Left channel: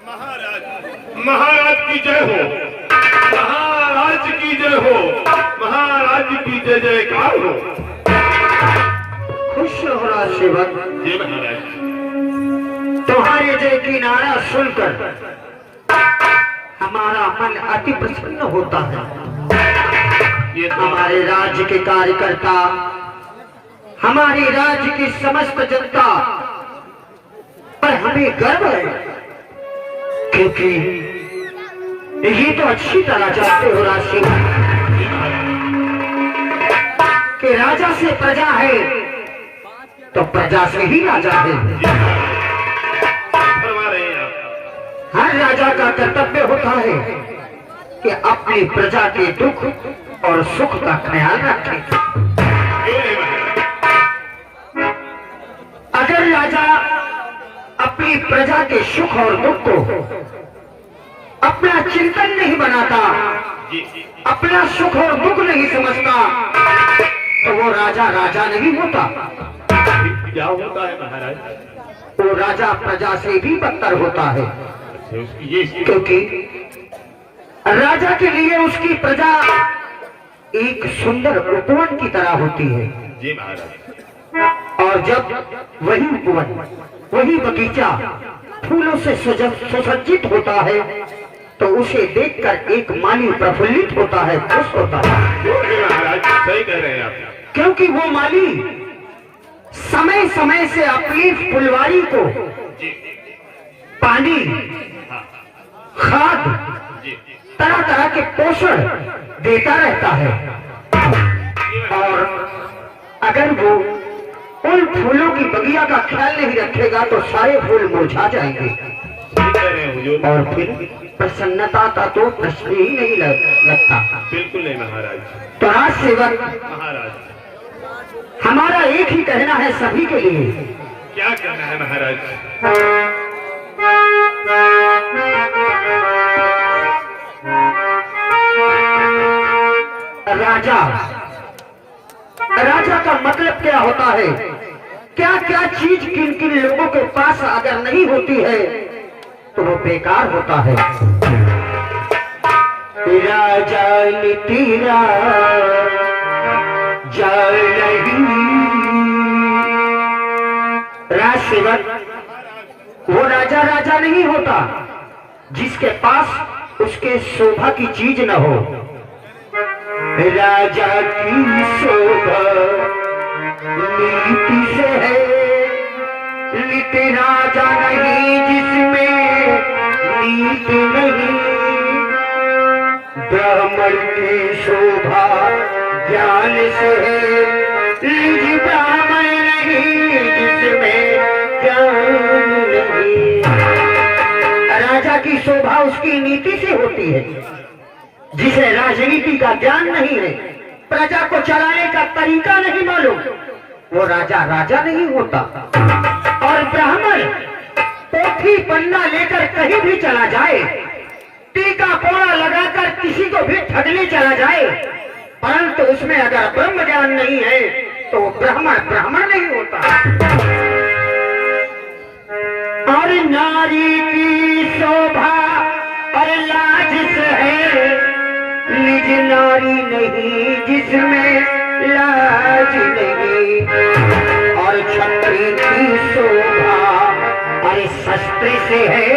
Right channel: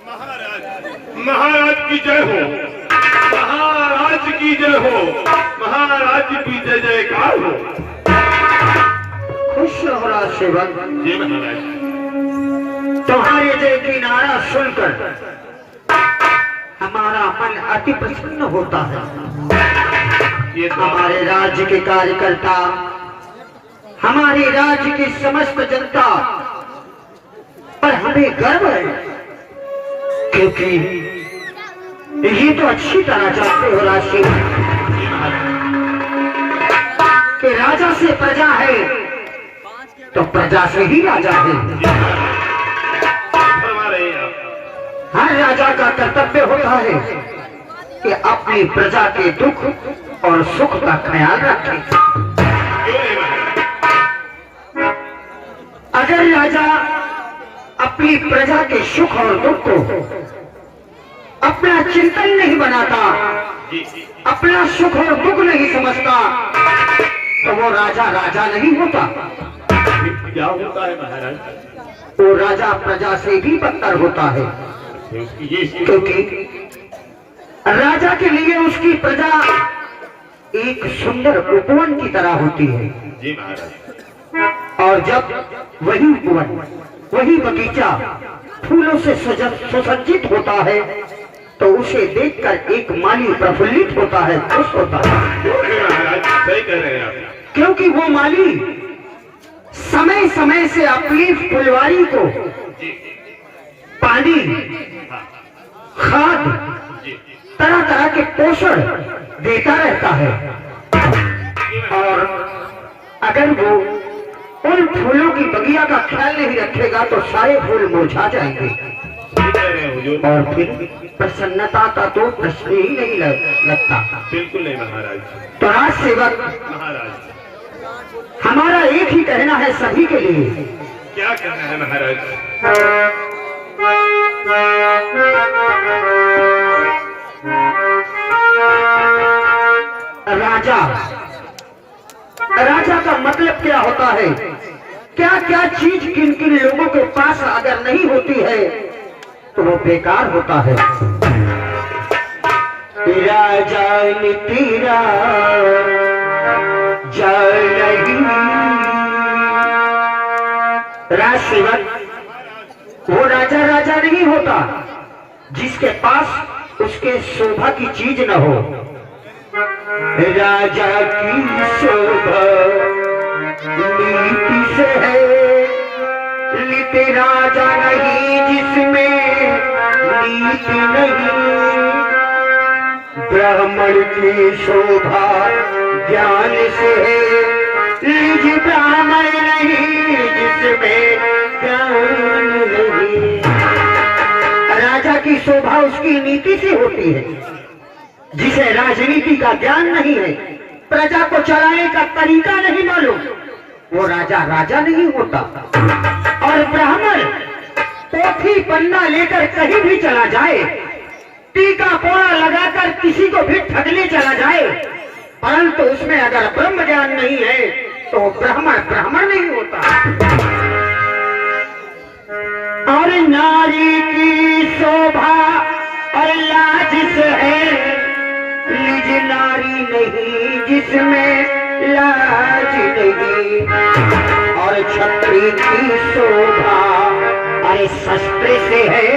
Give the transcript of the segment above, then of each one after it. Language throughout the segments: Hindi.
महाराज की जय हो, महाराज की जय हो, महाराज की जय जयकार हो। खुश हो रहा सेवक जी महाराज। तुम्हारे जय की नारा सुनकर हमारा मन अति प्रसन्न होता है। ये हमारे राज्य के कार्यकर्ता, हमारे राज्य की समस्त जनता पर हमें गर्व है, क्योंकि ये तो अच्छी तरह जानते हो राशि कि राजा से प्रजा है तो प्रजा से ही राजा है। हर राजा का कर्तव्य होता है कि अपनी प्रजा के दुख और सुख का ख्याल रखे। अगर राजा अपनी प्रजा के सुख और दुख को अपना चिंतन नहीं बनाता, अपना सुख और दुख नहीं समझता, तो वो राजा राजा नहीं होता। क्या होता है महाराज? वो राजा प्रजा से भी बदतर होता है, क्योंकि राजा के लिए उसकी प्रजा एक सुंदर उपवन की तरह होती है। जी महाराज। और जब वही उपवन, वही बगीचा फूलों से सुसज्जित होता है, तो उसे देखकर एक माली प्रफुल्लित होता है, खुश होता है। सही कह रहे हैं आप, क्योंकि वो माली समय समय से अपनी फुलवारी को पानी, खाद, तरह तरह के पोषण देता रहता है। और अगर वो उन फूलों की बगिया का ख्याल नहीं रखेगा तो सारे फूल मुरझा जाएंगे और फिर प्रसन्नता का तो प्रश्न ही नहीं लगता। बिल्कुल नहीं महाराज। तो राज सेवक महाराज, हमारा एक ही कहना है सभी के लिए। क्या करना है महाराज? राजा का मतलब क्या होता है? क्या क्या चीज किन किन लोगों के पास अगर नहीं होती है तो वो बेकार होता है। राजा तेरा राज सेवक वो राजा राजा नहीं होता जिसके पास उसके शोभा की चीज न हो। राजा की शोभा नीति से है, नीति राजा नहीं जिसमें नीति नहीं। ब्राह्मण की शोभा ज्ञान से है, निज ब्राह्मण नहीं जिसमें ज्ञान नहीं। राजा की शोभा उसकी नीति से होती है। जिसे राजनीति का ज्ञान नहीं है, प्रजा को चलाने का तरीका नहीं मालूम, वो राजा राजा नहीं होता। और ब्राह्मण पोथी पन्ना लेकर कहीं भी चला जाए, टीका पोड़ा लगाकर किसी को भी ठगने चला जाए, परंतु उसमें अगर ब्रह्म ज्ञान नहीं है तो ब्राह्मण ब्राह्मण नहीं होता। और नारी की शोभा और लाज से है, निज नारी नहीं जिसमें लाज नहीं। और क्षत्रिय की शोभा अरे शस्त्र से है,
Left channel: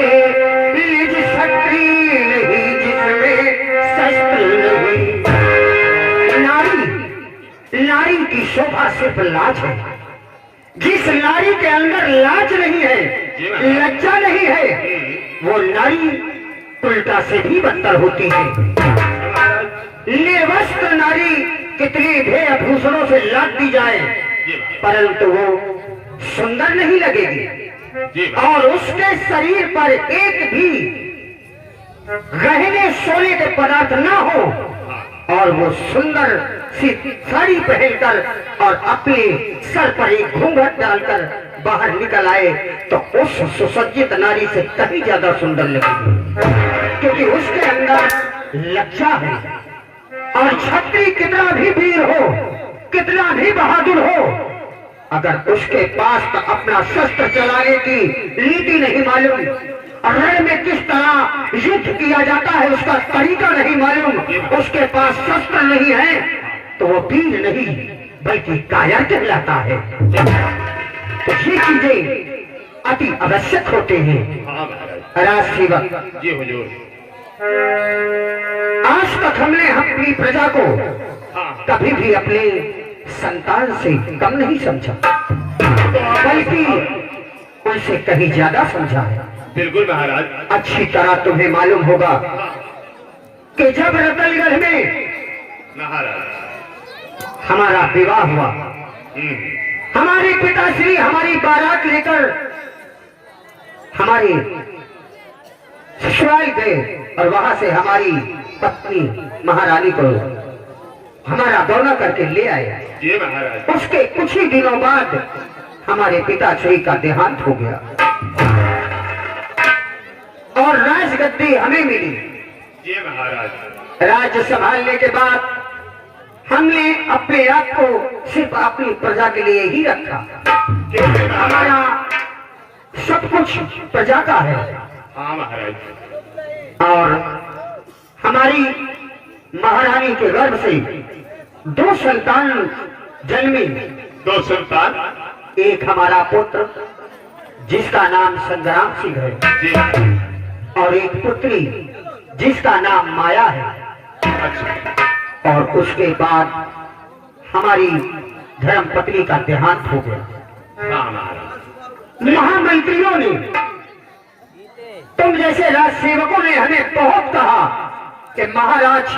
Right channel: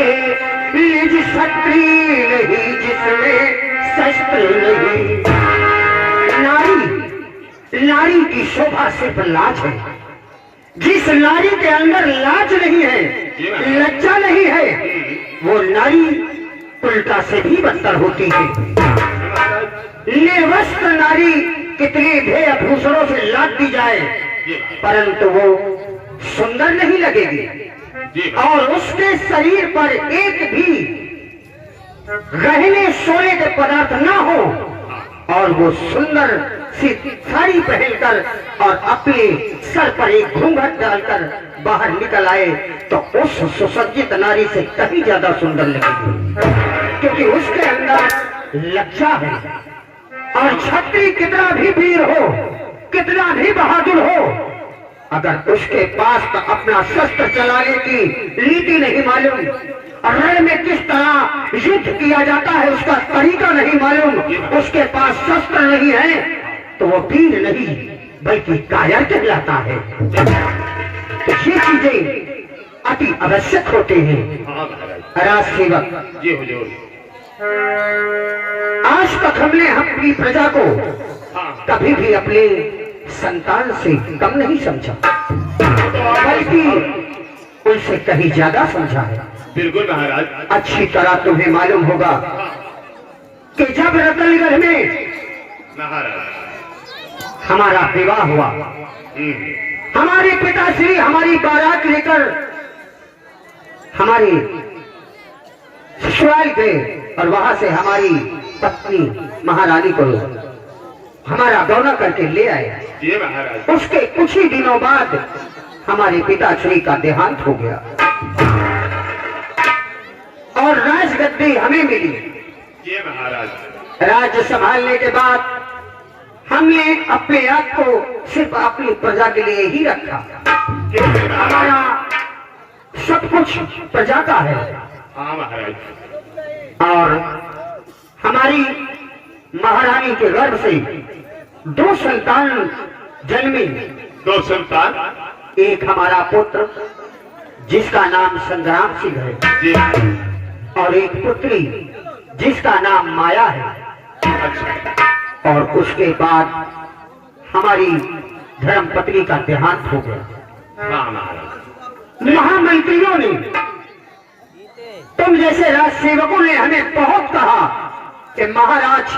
निज क्षत्रिय नहीं जिसमें शस्त्र नहीं। नारी की शोभा सिर्फ लाज है। जिस नारी के अंदर लाज नहीं है, लज्जा नहीं है, वो नारी उल्टा से भी बदतर होती है। निर्वस्त्र नारी कितने ध्येय आभूषणों से लाद दी जाए, परंतु वो सुंदर नहीं लगेगी। और उसके शरीर पर एक भी गहने सोने के पदार्थ ना हो, और वो सुंदर सी साड़ी पहनकर और अपने सर पर एक घूंघट डालकर बाहर निकल आए, तो उस सुसज्जित नारी से कहीं ज्यादा सुंदर लगेगी, क्योंकि उसके अंदर लज्जा है। और क्षत्रिय कितना भी वीर हो, कितना भी बहादुर हो, अगर उसके पास अपना शस्त्र चलाने की नीति नहीं मालूम, रण में किस तरह युद्ध किया जाता है उसका तरीका नहीं मालूम, उसके पास शस्त्र नहीं है, तो वो वीर नहीं बल्कि कायर कहलाता है। तो ये चीजें अति आवश्यक होते हैं। राज सेवक जी हुजूर। आज तक हमने अपनी प्रजा को कभी भी अपने संतान से कम नहीं समझा, बल्कि उनसे कहीं ज्यादा समझा है। बिल्कुल महाराज। अच्छी तरह तुम्हें मालूम होगा कि जब रतनगढ़ में महाराज हमारा विवाह हुआ, हमारे पिताश्री हमारी बारात लेकर हमारे ससुराल गए और वहां से हमारी पत्नी महारानी को हमारा दौरा करके ले आए। जी महाराज। उसके कुछ ही दिनों बाद हमारे पिताश्री का देहांत हो गया और राजगद्दी हमें मिली। जी महाराज। राज्य संभालने के बाद हमने अपने आप को सिर्फ अपनी प्रजा के लिए ही रखा। हमारा सब कुछ प्रजा का है। हाँ महाराज। और हमारी महारानी के गर्भ से 2 संतान जन्मी। 2 संतान। एक हमारा पुत्र जिसका नाम संग्राम सिंह है, जी। और एक पुत्री जिसका नाम माया है। अच्छा। और उसके बाद हमारी धर्म पत्नी का देहांत हो गया। हाँ महाराज। महामंत्रियों ने, तुम जैसे राज सेवकों ने हमें बहुत कहा कि महाराज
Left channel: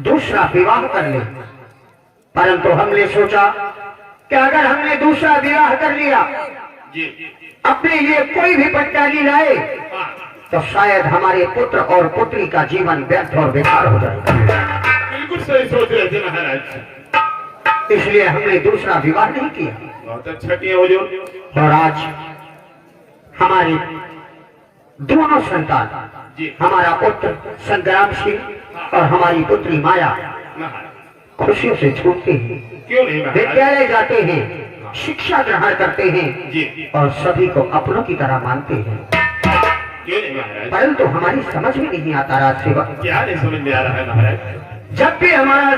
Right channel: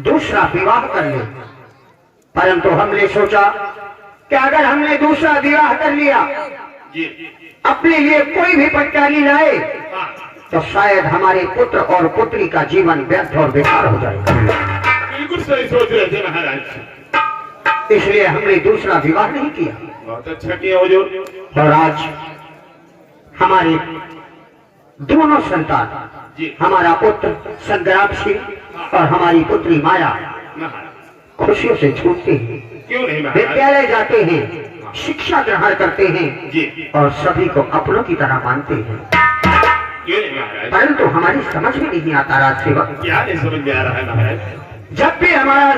दूसरा विवाह कर ले, परंतु हमने सोचा कि अगर हमने दूसरा विवाह कर लिया, जी। अपने लिए कोई भी पटकारी लाए, हाँ। तो शायद हमारे पुत्र और पुत्री का जीवन व्यर्थ और बेकार हो जाएगा। बिल्कुल सही सोच रहे थे महाराज। इसलिए हमने दूसरा विवाह नहीं किया। बहुत अच्छा किया हुजूर। और आज हमारे दोनों संतान, जी। हमारा पुत्र संग्राम सिंह और हमारी पुत्री माया महाराज। खुशियों से छूटते हैं, क्यों नहीं महाराज। विद्यालय जाते हैं, शिक्षा ग्रहण करते हैं, जी। और सभी को अपनों की तरह मानते हैं। क्यों नहीं महाराज। परंतु हमारी समझ में नहीं आता राज सेवक, क्या नहीं समझ में आ रहा है महाराज। जब भी हमारा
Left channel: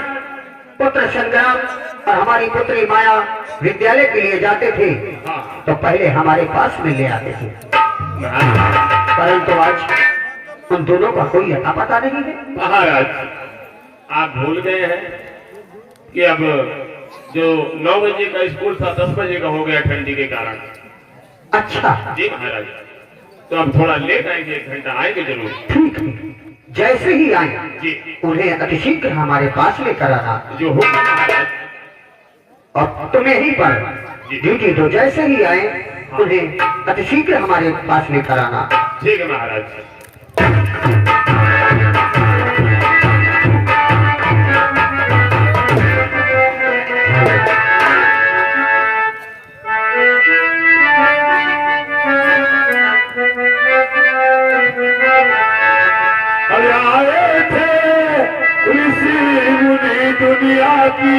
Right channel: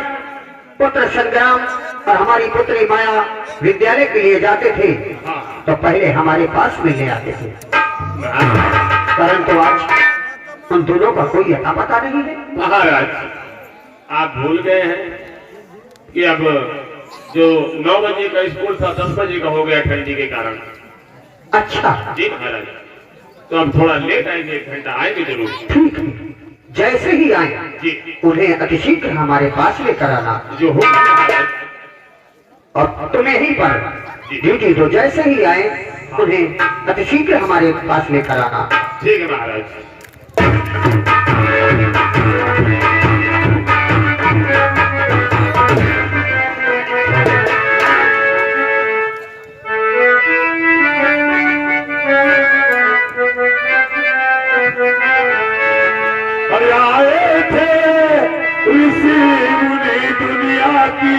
पुत्र संग्राम और हमारी पुत्री माया विद्यालय के लिए जाते थे, हाँ। तो पहले हमारे पास में ले आते थे, महाराज। परंतु आज उन दोनों का कोई अता पता नहीं है। महाराज आप भूल गए हैं कि अब जो 9 बजे का स्कूल था 10 बजे का हो गया ठंडी के कारण। अच्छा, जी महाराज। तो अब थोड़ा लेट आएंगे, 1 घंटा आएंगे जरूर। ठीक है, जैसे ही आए जी। उन्हें अतिशीघ्र हमारे पास लेकर आना, जो हो महाराज। और तुम्हें ही पर ड्यूटी दो। जैसे ही आए उन्हें अतिशीघ्र हमारे पास लेकर आना। ठीक है महाराज। आए थे ऋषि मुनि दुनिया की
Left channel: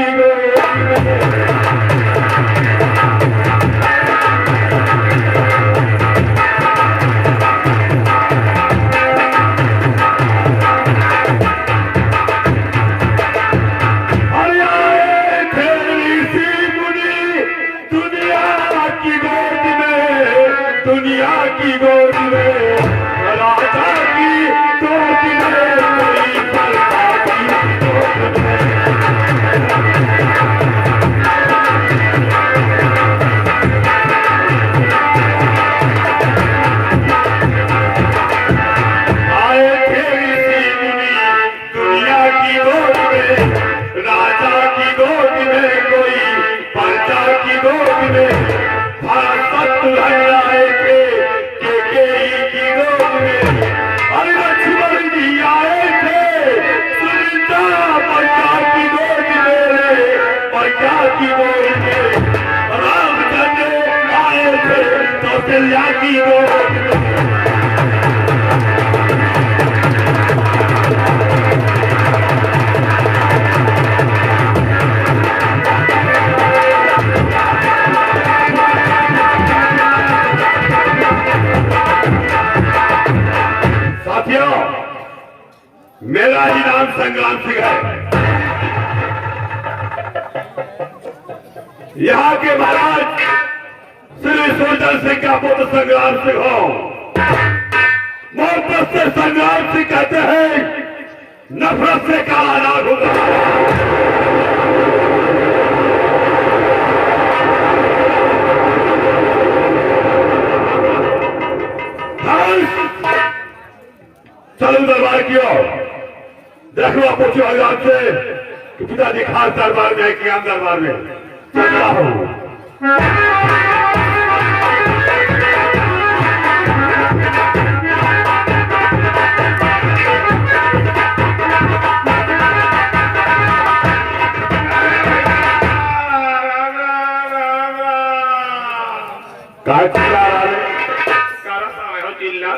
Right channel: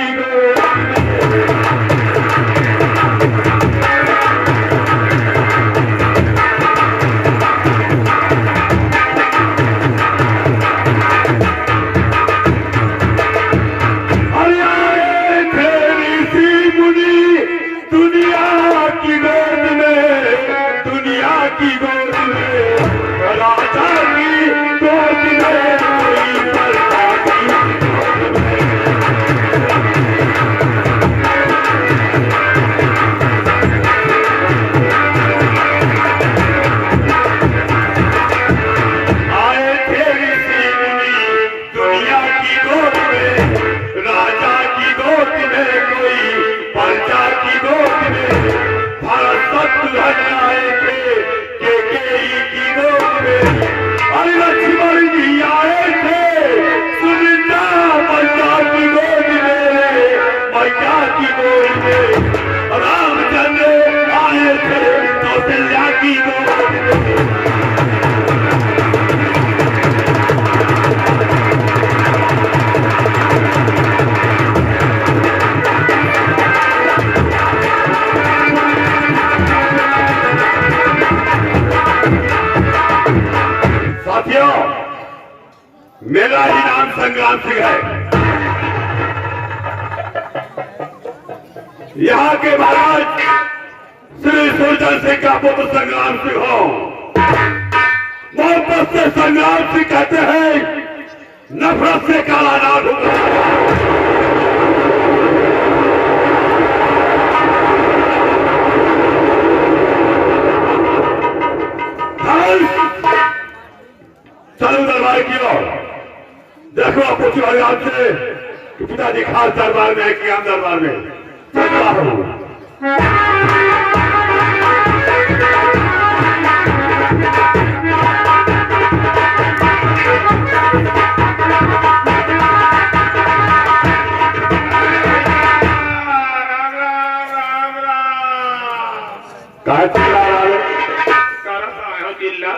संग्राम सिंह है। यहाँ के महाराज श्री सुरजन सिंह का पुत्र संग्राम सिंह हो। मोहब्बत से संग्राम सिंह कहते हैं, नफरत से काला नाग होगा। चलो दरबार की ओर देखो, आप पूछो आजाद से कि पिताजी खास दरबार में कि आम दरबार में क्या हो।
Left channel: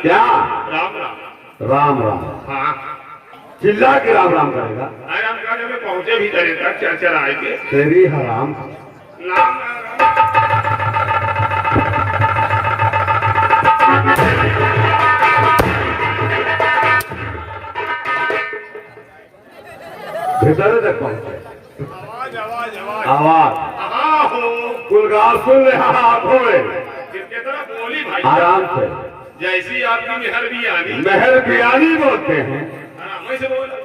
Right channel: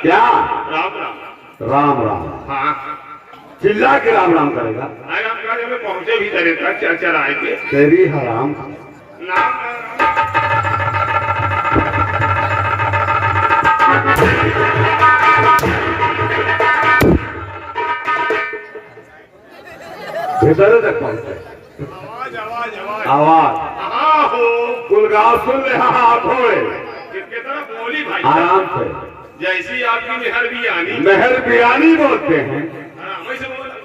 क्या राम राम चिल्ला के राम राम करेगा। पहुंचे भी करे था चर्चा आएंगे तेरी हराम। भीतर तक पहुंचे। आवाज आवाज आवाज आवाज गुलगार सुन रहा हाथ होए बोली भाई आराम से। जैसी आपकी मेहर बियानी मेहर बियानी बोलते हैं। वैसे बोला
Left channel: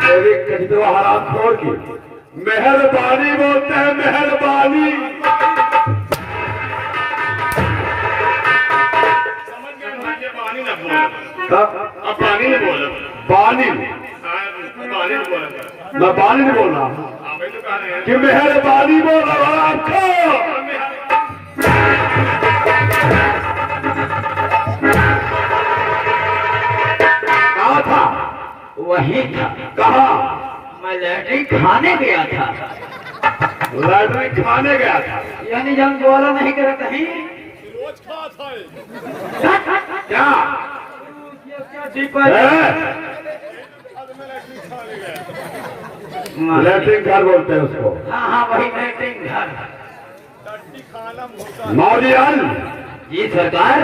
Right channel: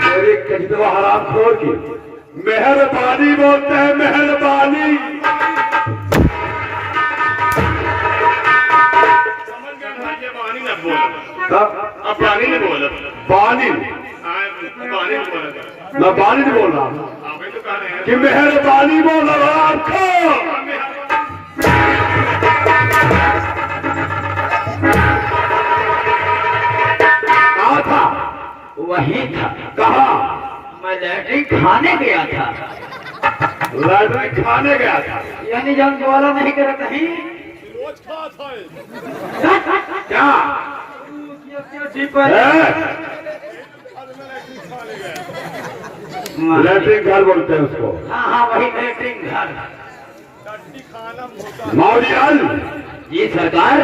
तेरी कजदो हराम खोर की मेहरबानी बोलते हैं। मेहरबानी समझ गए भाई, ये पानी ना बोलो। अब पानी नहीं बोलो। पानी पानी नहीं बोला। मैं पानी नहीं बोल रहा हूँ तो कह रहे हैं कि मेहरबानी बोल रहा आपको। कहा था वही था। कहा मैं लैट्रिन खाने गया था। लैट्रिन खाने गया था। यानी जब हम बोला नहीं करे कहीं क्या लैट्रिन घर बोलते हैं उसको। हाँ हाँ वही लैट्रिन घर। मौलियाल जी सरकार,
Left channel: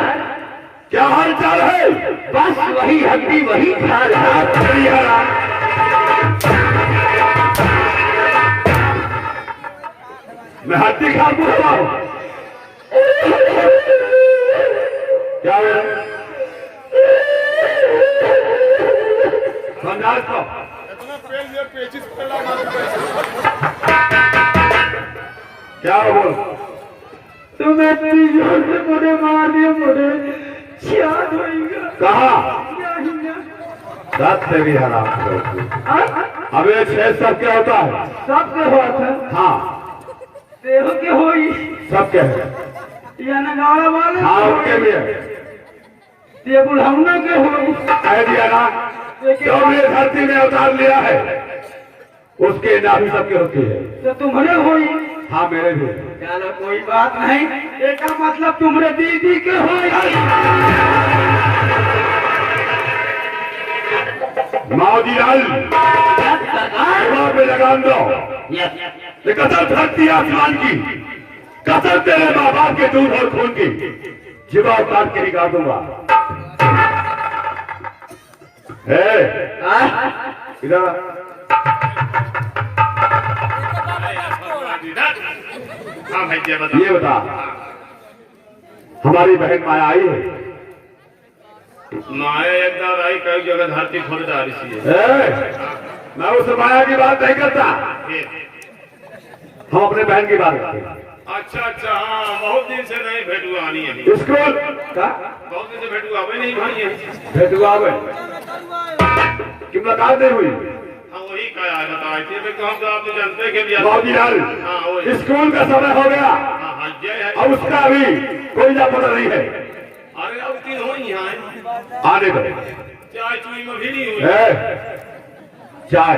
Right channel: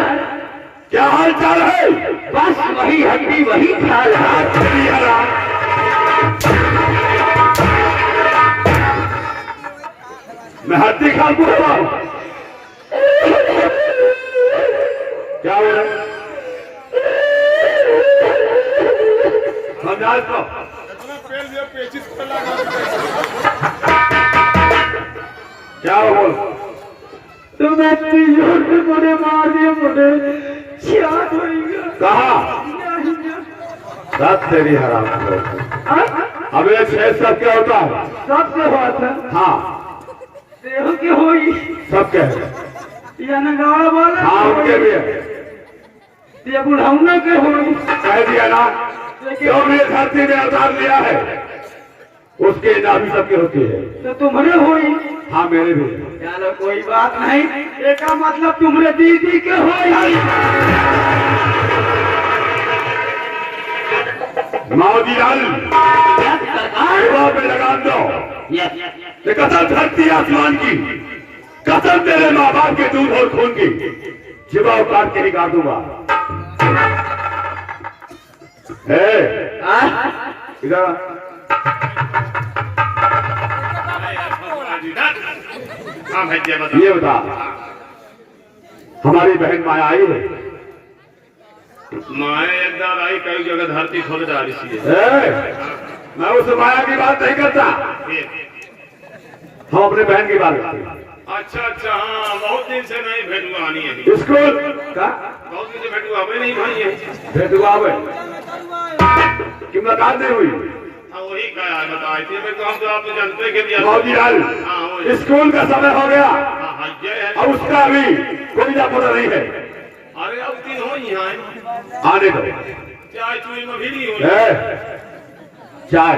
क्या हाल चाल है। बस वही हड्डी वही ख्याल है। मैं हड्डी खा पूछता हूँ क्या हो रहा है। समझा इसको। पेचिस पर लगा क्या हो बोल। तुम्हें इतनी जोर से मुझे मार दिया, मुझे याद होगा। कहा रात तेरी हराम। हमें 6 सब क्या होता है। सबके हुआ था। हाँ देह के हुई सबके है। या नगावा वाला हाँ उनके भी है। ये बुढ़ाने के हुई। कह दिया ना, जो भी धरती में अवतार लिया है उसके नाम सबके होती है। तो तुम्हारे हुई। हाँ मेरे भी। चलो कोई बात नहीं, एक मतलब तुम्हारे दीदी के हुई। मौदियाल पे लगाम दो। ये कसम धरती आसमान की, कसम तेरे माँ बाप के दूध और खून की, जीवा काट के निकाल दूंगा। इधर हाँ भाई बता। ये बता, हमारी बहन माया आई है। माया एकदम आई, कई जगह धरती खोल डाली सी है। मैं उस माया की बात नहीं करता, हम अपने बहन की बात करते हैं। अच्छा अच्छा, हाँ बहुत दिन से नहीं भेंट हुआ आनी है। स्कूल बहुत दिन से भेंट हुआ नहीं भाई है। भेंट हुआ कि मुलाकात नहीं हुई। हाँ वही कहा है, बताए थे तो हम तो आप जानते के लिए। मौदियाल स्कूल का समय हो गया और उसका अभी कोई ना पता नहीं है। अरे अब दिन हो यहाँ आने दो। चाय चुई में भी नहीं हुई। चाय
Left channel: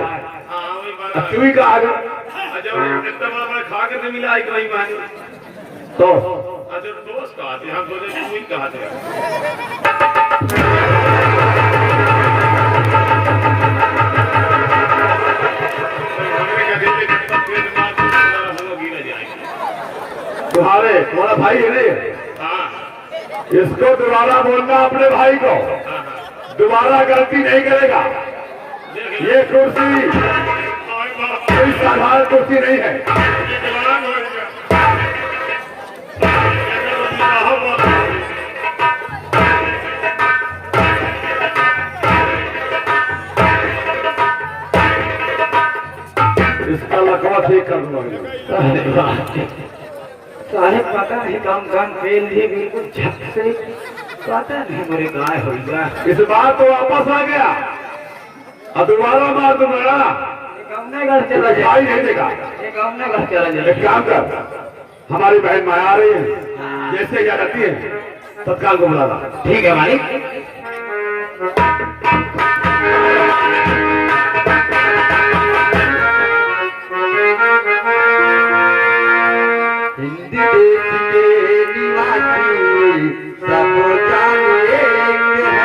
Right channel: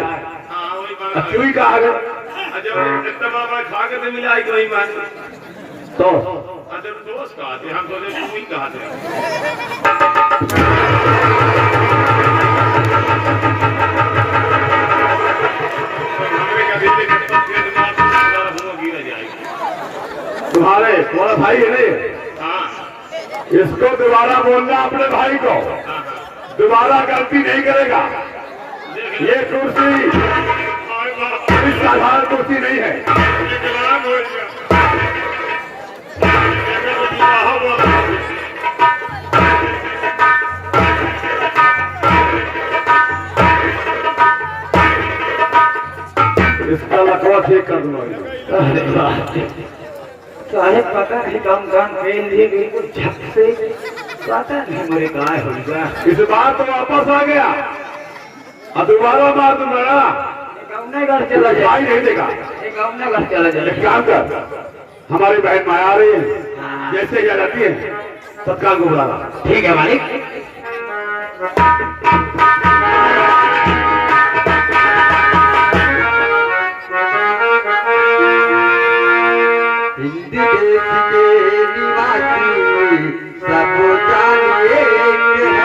हाँ वही बात। चुई का आगे जब इतना बार खा के तो मिला ही वही मान तो अच्छा दोस्त कहते हम सोचे चुई कहते तुम्हारा भाई है नहीं। इसको दोबारा बोलना अपने भाई को, दोबारा गलती नहीं करेगा। ये कुर्सी कोई साधारण कुर्सी नहीं है। इसका लकवा ठीक कर लो। साहेब पता नहीं कम कम फेल भी बिल्कुल झक से पता नहीं मेरे कहाँ हो गया। इस बार तो वापस आ गया, अब दोबारा मार तुम लड़ा अपने घर चला जाए, भाई नहीं देगा। एक अपने घर चला जाए। एक काम कर, हमारी बहन माया आ रही है, जैसे यह रहती है तत्काल को बुला ला। ठीक है मालिक। हिंदी देश के निवासी सब जानिए कि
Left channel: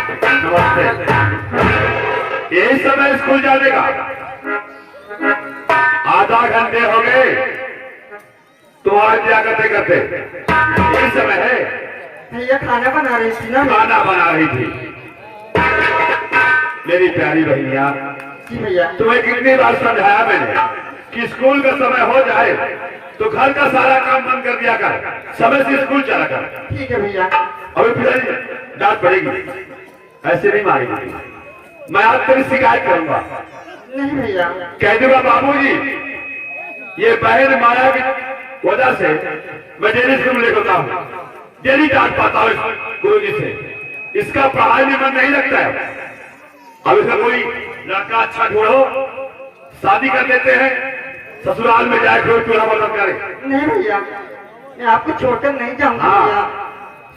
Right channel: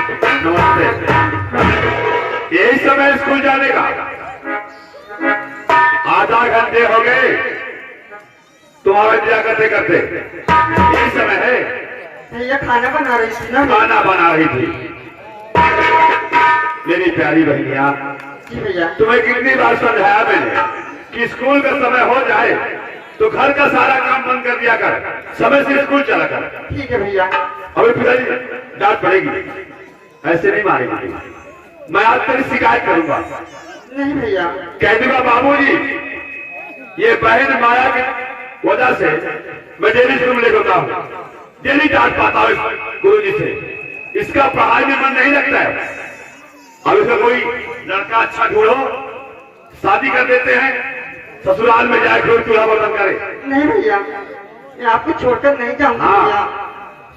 है रंग रूप यही समय स्कूल जाने का, आधा घंटे हो गए तुम्हारा क्या करते करते। यही समय है। भैया खाना बना रही थी ना। खाना बना रही थी। मेरी प्यारी बहनिया, जी भैया। तुम्हें कितनी बार समझाया मैंने कि स्कूल का समय हो जाए तो घर का सारा काम बंद कर दिया कर, समय से स्कूल चला कर। ठीक है भैया। अभी पिताजी डांट पड़ेगी, ऐसे नहीं मारेगी। मैं आज तेरी शिकायत करूंगा। नहीं भैया। कह दूंगा बाबूजी ये बहन माया की वजह से मैं डेली स्कूल ले होता हूँ, डेली डांट पाता हूँ गुरु जी से। इसका पढ़ाई में मन नहीं लगता है। अब इसका कोई लड़का अच्छा ढूंढो, शादी कर देते हैं, ससुराल में जाए कोई चूल्हा बर्तन करे। नहीं भैया, मैं आपको छोड़कर नहीं जाऊंगा हाँ, भैया।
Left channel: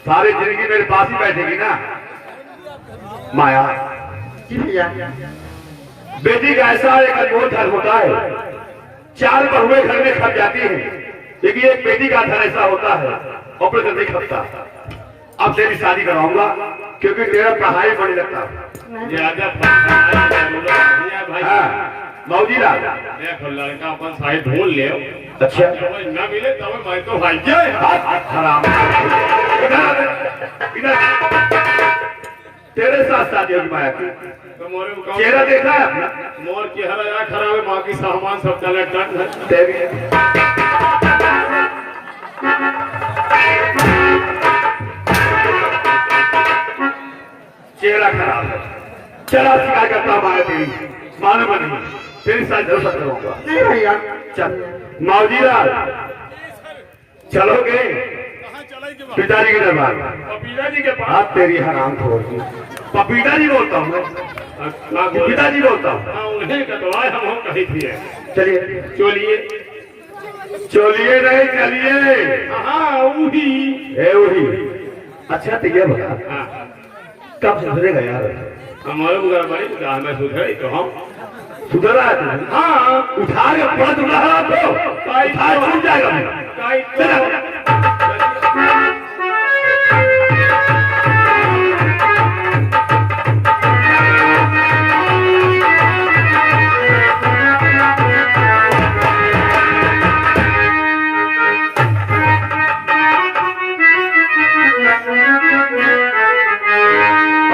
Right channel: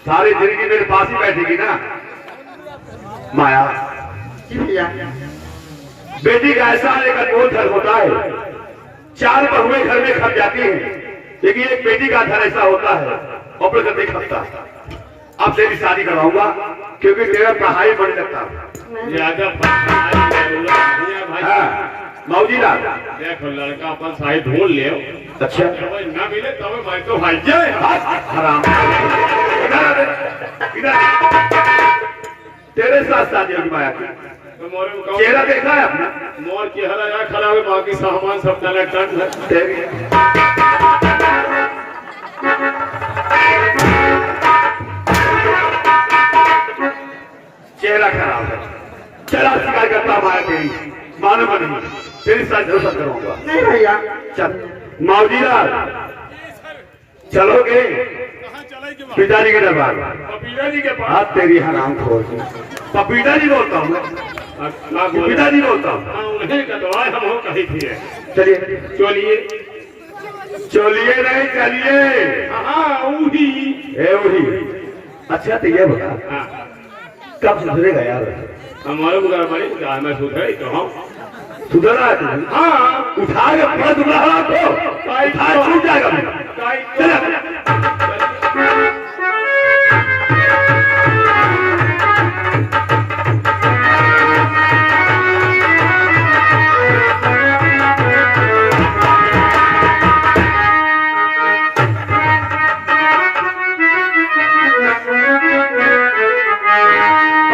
सारी जिंदगी मेरे पास ही बैठेगी ना माया। जी भैया। बेटी का ऐसा एक अनमोल धन होता है, चार बहुएं घर में खप जाती हैं, लेकिन एक बेटी का धन ऐसा होता है और नहीं खपता। अब तेरी शादी करवाऊंगा क्योंकि तेरा पढ़ाई बढ़ने लगता है। मौजी लाल देखो लड़का अपन साई ढूंढ ले। अच्छा ना मिले तो मैं तो भाई जाए तेरे साथ शादी होगी माया की। तो मोरे को चेहरा देखा है अपना? मोर की हरा या खराब है, बाकी सामान सब तला टन है। तेरी चेहरा खराब है। चला शिकायत करता माया तेरी, मानूंगा नहीं, तेरी साथ जलसा करूंगा। नहीं भैया। चल मौजी लाल चलोगे पिताजी के दरबार में? पपीता जी के पास। हाथ तेरी हराम खोर। पपीता जी बोलता हूँ मैं, पिताजी बोलता हूँ। उन्हीं का दवाई हम हो कही थी। चलिए चलिए चलिए नहीं चलिए। हाँ वही। है वही। अच्छा तो ये बता हाँ कब सुधरेगा यार? हमारे उधर भाई मैं सुधरे तो हम सुधरा है तू? हाँ, उठा के पलट उड़ा तो उठा छूट जाएगा। चलो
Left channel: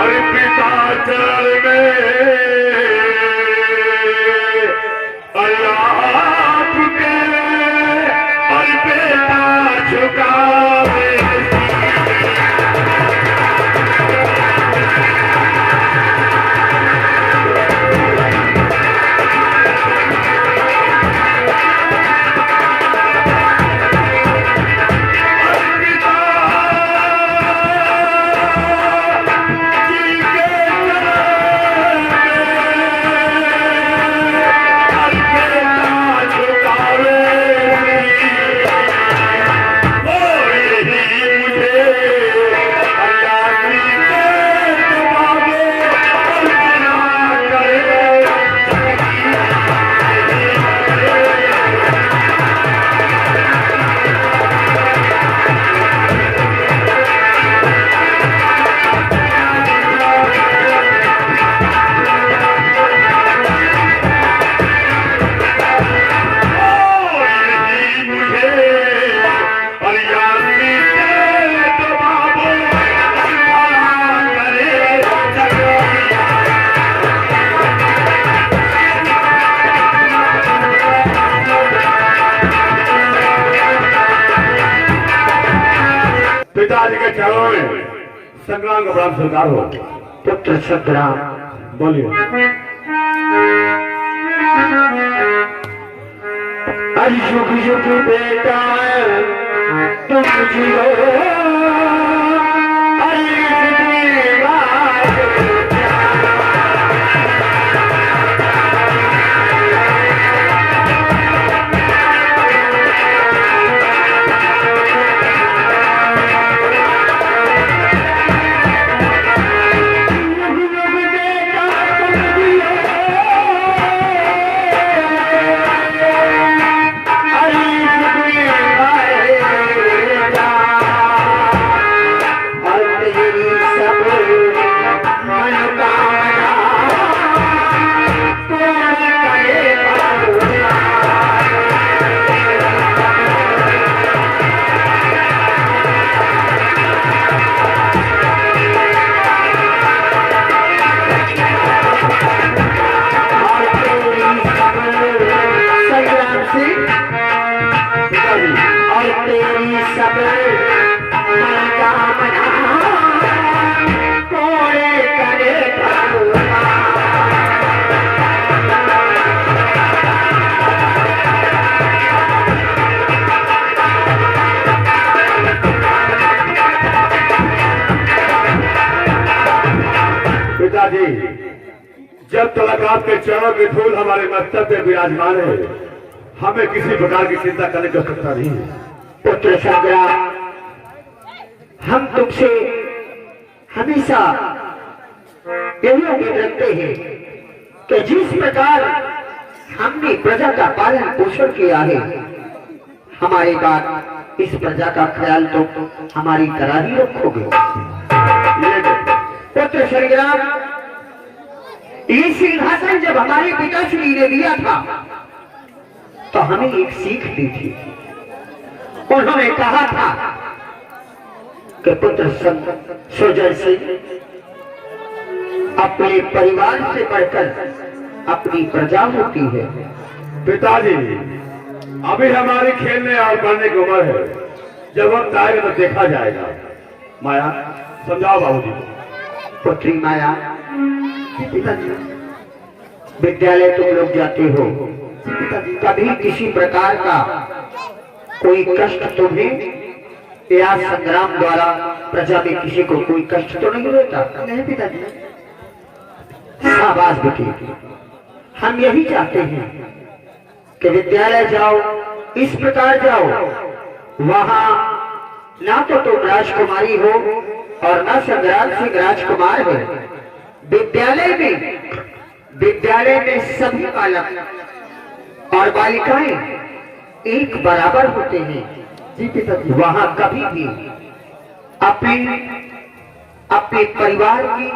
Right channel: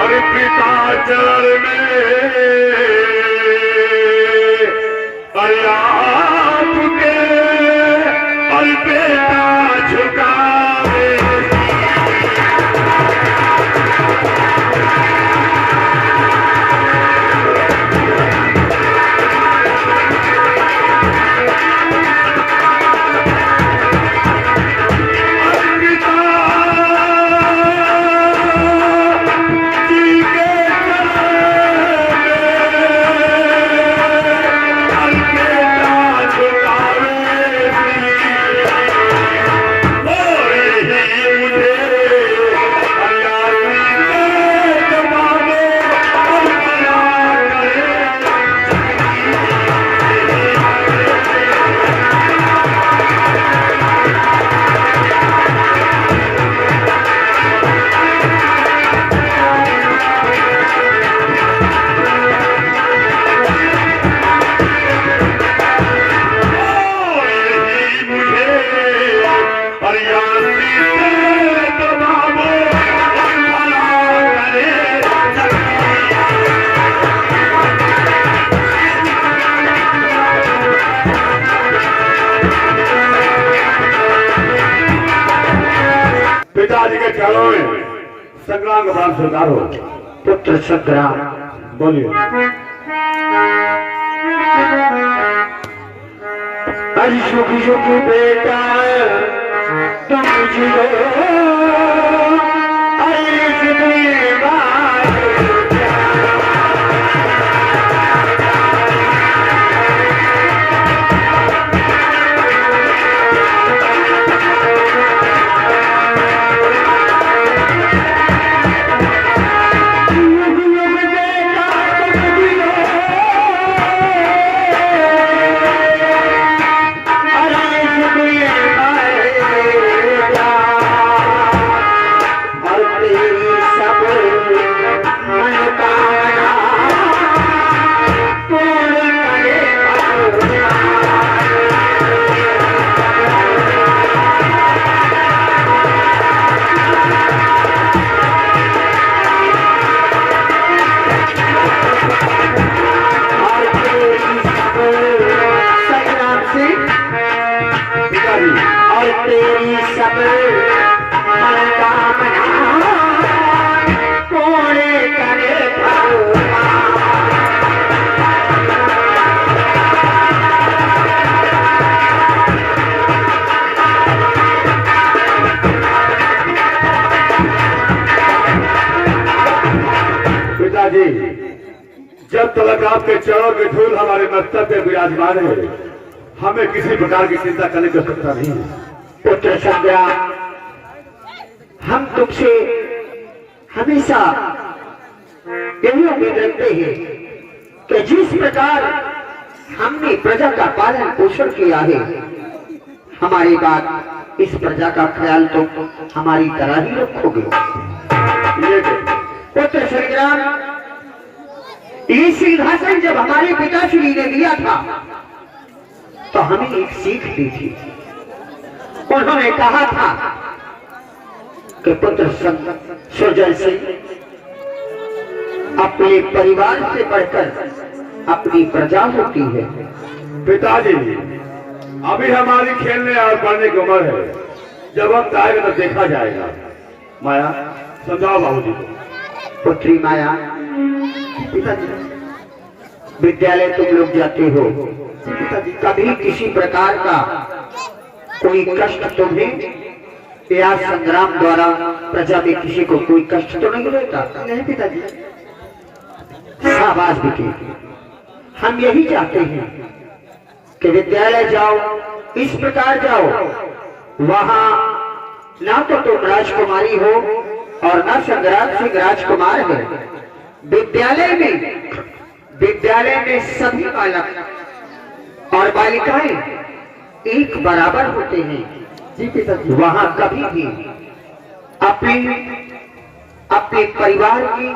अरे पिता चरण में अल्लाह के और बेटा झुकावे पिताजी के चरणों में संग्राम का बाण सरकार हो। पुत्र संग्राम बोलिए। अरे शुभ शुभ बेटा तुम जियो अरे पिताजी जब तक आपके चरण में धूल हमारे मस्तक पे विराजमान है, हमें किसी प्रकार की चिंता करने की आवश्यकता नहीं है। पुत्र संज्ञा हम तुमसे हमेशा यही उम्मीद रखते हैं कि जिस प्रकार हमने प्रजा का पालन पोषण किया है, हमारी बात इस प्रजा का ख्याल तो हमारी तरह ही रखोगे। पुत्र संग्राम ये सिंहासन जब हमारे पिताश्री ने लिया था तो हमें एक सीख दी थी। उन्होंने कहा था कि पुत्र सुजय सिंह अपने परिवार से बढ़कर अपनी प्रजा होती है। पिताजी अभी हमारी खेलने और बढ़ने की उम्र है, जब वक्त आएगा तो देखा जाएगा। माया समझाओ बाबूजी को। पुत्री माया, पिताजी विद्यालय तुम लोग जाते हो, कभी किसी प्रकार का कोई कष्ट तुम्हें या संग्राम द्वारा प्रजा में किसी को कोई कष्ट तो नहीं होता? नहीं पिताजी। शाबाश बेटी, हम यही चाहते हैं कि विद्यालय जाओ, इस प्रकार जाओ, वहां ना तो तुम राजकुमारी हो और न संग्राम सिंह राजकुमार है। विद्यालय में विद्यालय में सभी बालक और बालिकाएं एक बराबर होते हैं। जी पिताजी। वहां कभी भी अपने अपने परिवार की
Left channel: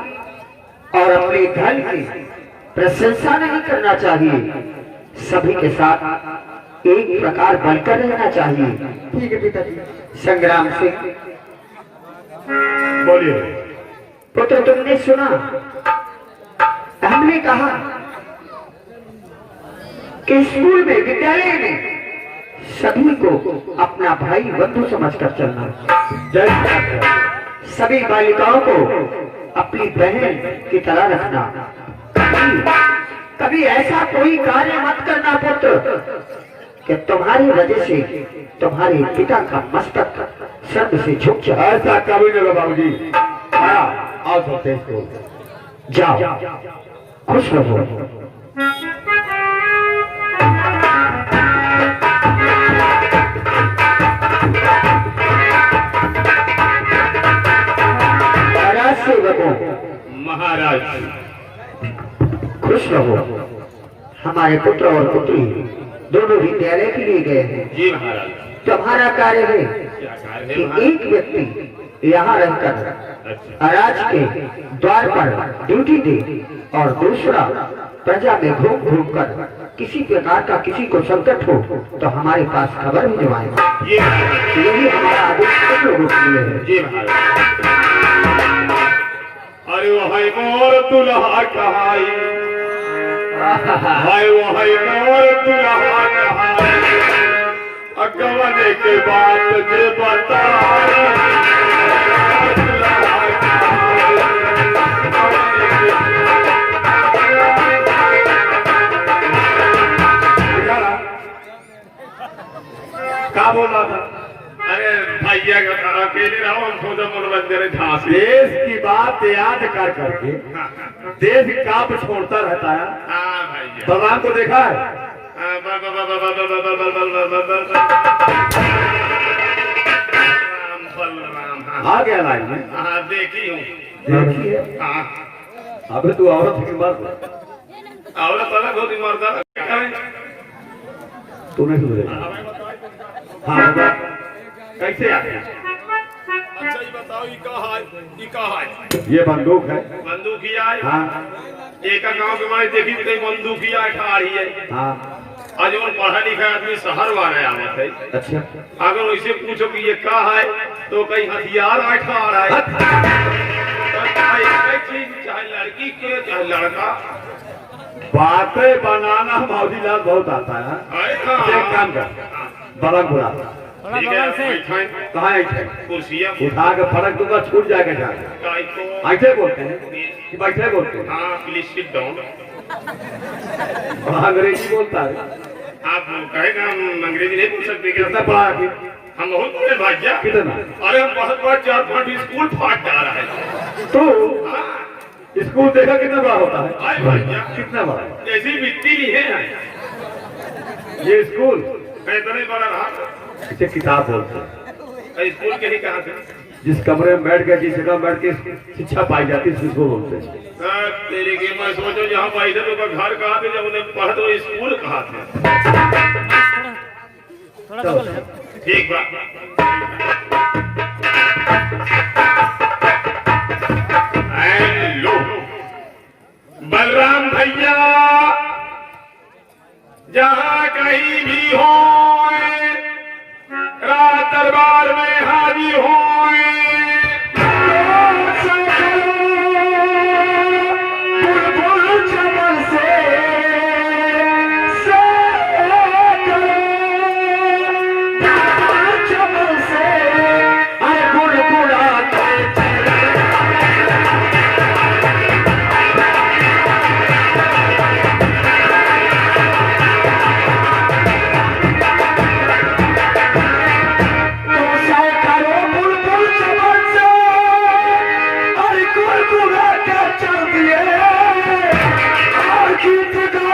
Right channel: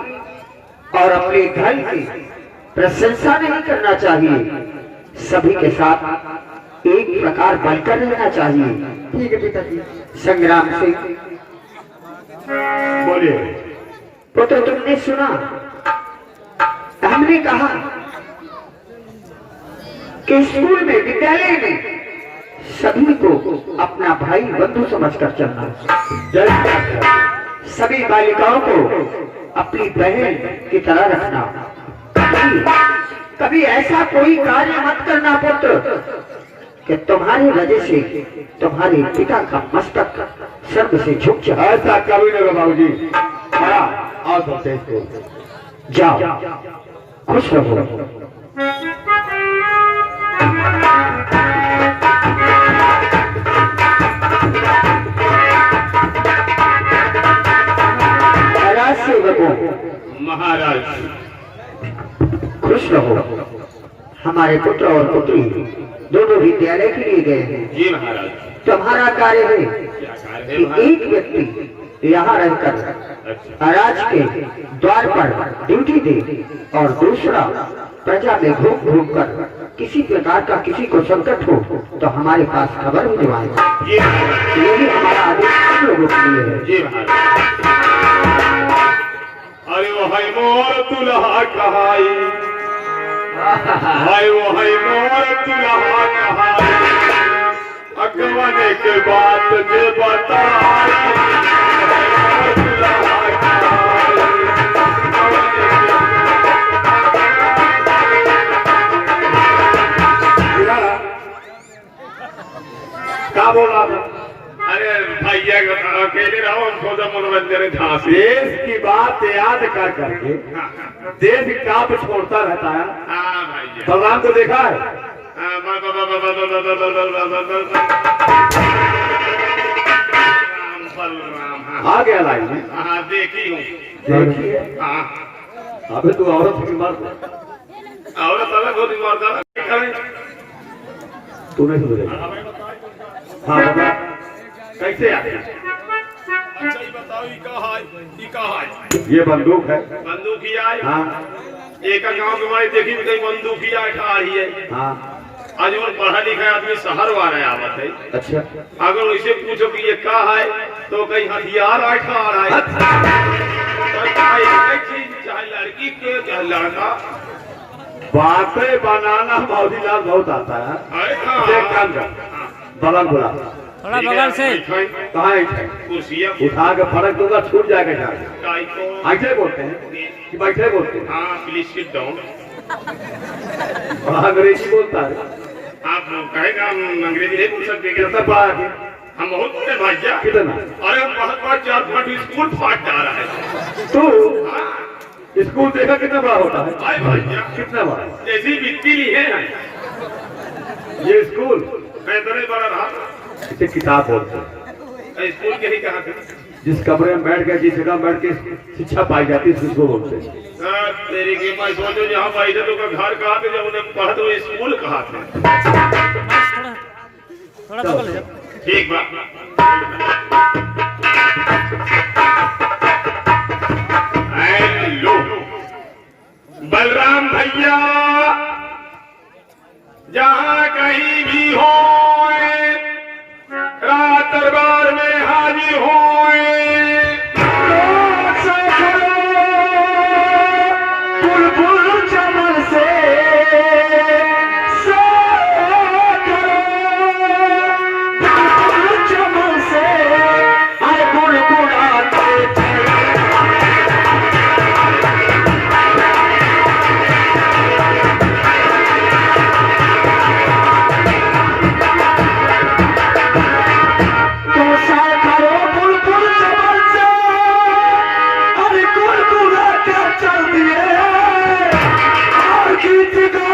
और अपने घर की प्रशंसा नहीं करना चाहिए। सभी के साथ एक प्रकार बनकर रहना चाहिए। ठीक है पिताजी। संग्राम सिंह, बोलिए। पुत्र तुमने सुना, हमने कहा कि स्कूल में विद्यालय में सभी को अपना भाई बंधु समझकर चलना। सभी बालिकाओं को अपनी बहन की तरह रखना। कभी ऐसा कोई कार्य मत करना पुत्र कि तुम्हारी वजह से तुम्हारे पिता का मस्तक स्वर्ग से झुक जाए। ऐसा कभी नहीं बाबूजी। हाँ, आओ तो इसको जाओ, खुश रहो। महाराज खुश रहो। हमारे पुत्र और पुत्री दोनों विद्यालय के लिए गए हैं। जी महाराज। तुम्हारा कार्य है क्या कार्य है कि महाराज? एक व्यक्ति यहाँ रहकर अच्छा। राज के द्वार पर ड्यूटी दे और दूसरा प्रजा में घूम घूम कर किसी प्रकार का किसी को संकट हो तो हमारे पास खबर भिजवाए। जी महाराज। यही हमारा आदेश सब लोगों के लिए है। जी महाराज। अरे वो है मोर दुल्हा कहाई, हाय वो है मोर दुल्हा कहाई, अगवाने के बात में बताई, क्या बोल रहा था? अरे भैया अकेले रहो, हम तो मनोरंजन झांसी। देश की बात याद कर करके देश काप छोड़ता रहता है। हाँ भैया। भगवान को देखा है? आ गया लाइन में। हाँ देखी हूँ। देखिए, हाँ अबे तू औरत की बात और तब बहुत ईमानदार करें। तूने सुन लिया। हाँ, कैसे आते हैं? अच्छा ये बताओ ये कहाँ है? ये बंदूक है। बंदूकिया है। हाँ एक गांव के बारे देखी तो कहीं बंदूकिया खा रही है। हाँ। आज और पढ़ा लिखा आदमी शहर वाला आवत है। अच्छा, अगर उनसे पूछो कि ये क्या है तो कहीं हथियार बैठा आ रहा है। चाहे लड़की के चाहे लड़का। बातें बनाना मौजीलाल बहुत आता है। एक काम कर, बलमपुरा थोड़ा बगल से। कहाँ है? कुर्सियाँ उठा के फर्क दूंगा, छूट जाएगा जाके। ऐसे बोलते हैं कि बैठे बोलते हैं। हाँ प्लीज सिट डाउन। और अंग्रेजी बोलता है। आप कहेगा हम अंग्रेजी नहीं पूछ सकते क्या? कितना पढ़ा के? हम बहुत बड़े भाईजा। कितना? अरे हम बहुत बड़ा 4-5 स्कूल फाट जा रहा है। तू हाँ, स्कूल देखा कितना बड़ा होता है? अरे भाईजा कितना बड़ा? जैसी मिट्टी ली है ये स्कूल बेहतर ही बड़ा रहा। इसे किताब बोलते हैं। स्कूल के ही कहा थे। जिस कमरे में बैठ के जिस जगह बैठ के शिक्षा पाई जाती है उसको बोलते हैं। तेरी की मैं सोचो जहाँ बैठे तो का घर कहा थे, जब उन्हें पढ़ तो स्कूल कहा थे। थोड़ा बगल हो जाओ। ठीक बात। हेलो बलराम भैया, जहाँ कहीं भी हो रात दरबार में हाजिर हो। बुलबुल चमन से चमन से गुड़गुड़ाते चल दिए और गीत गा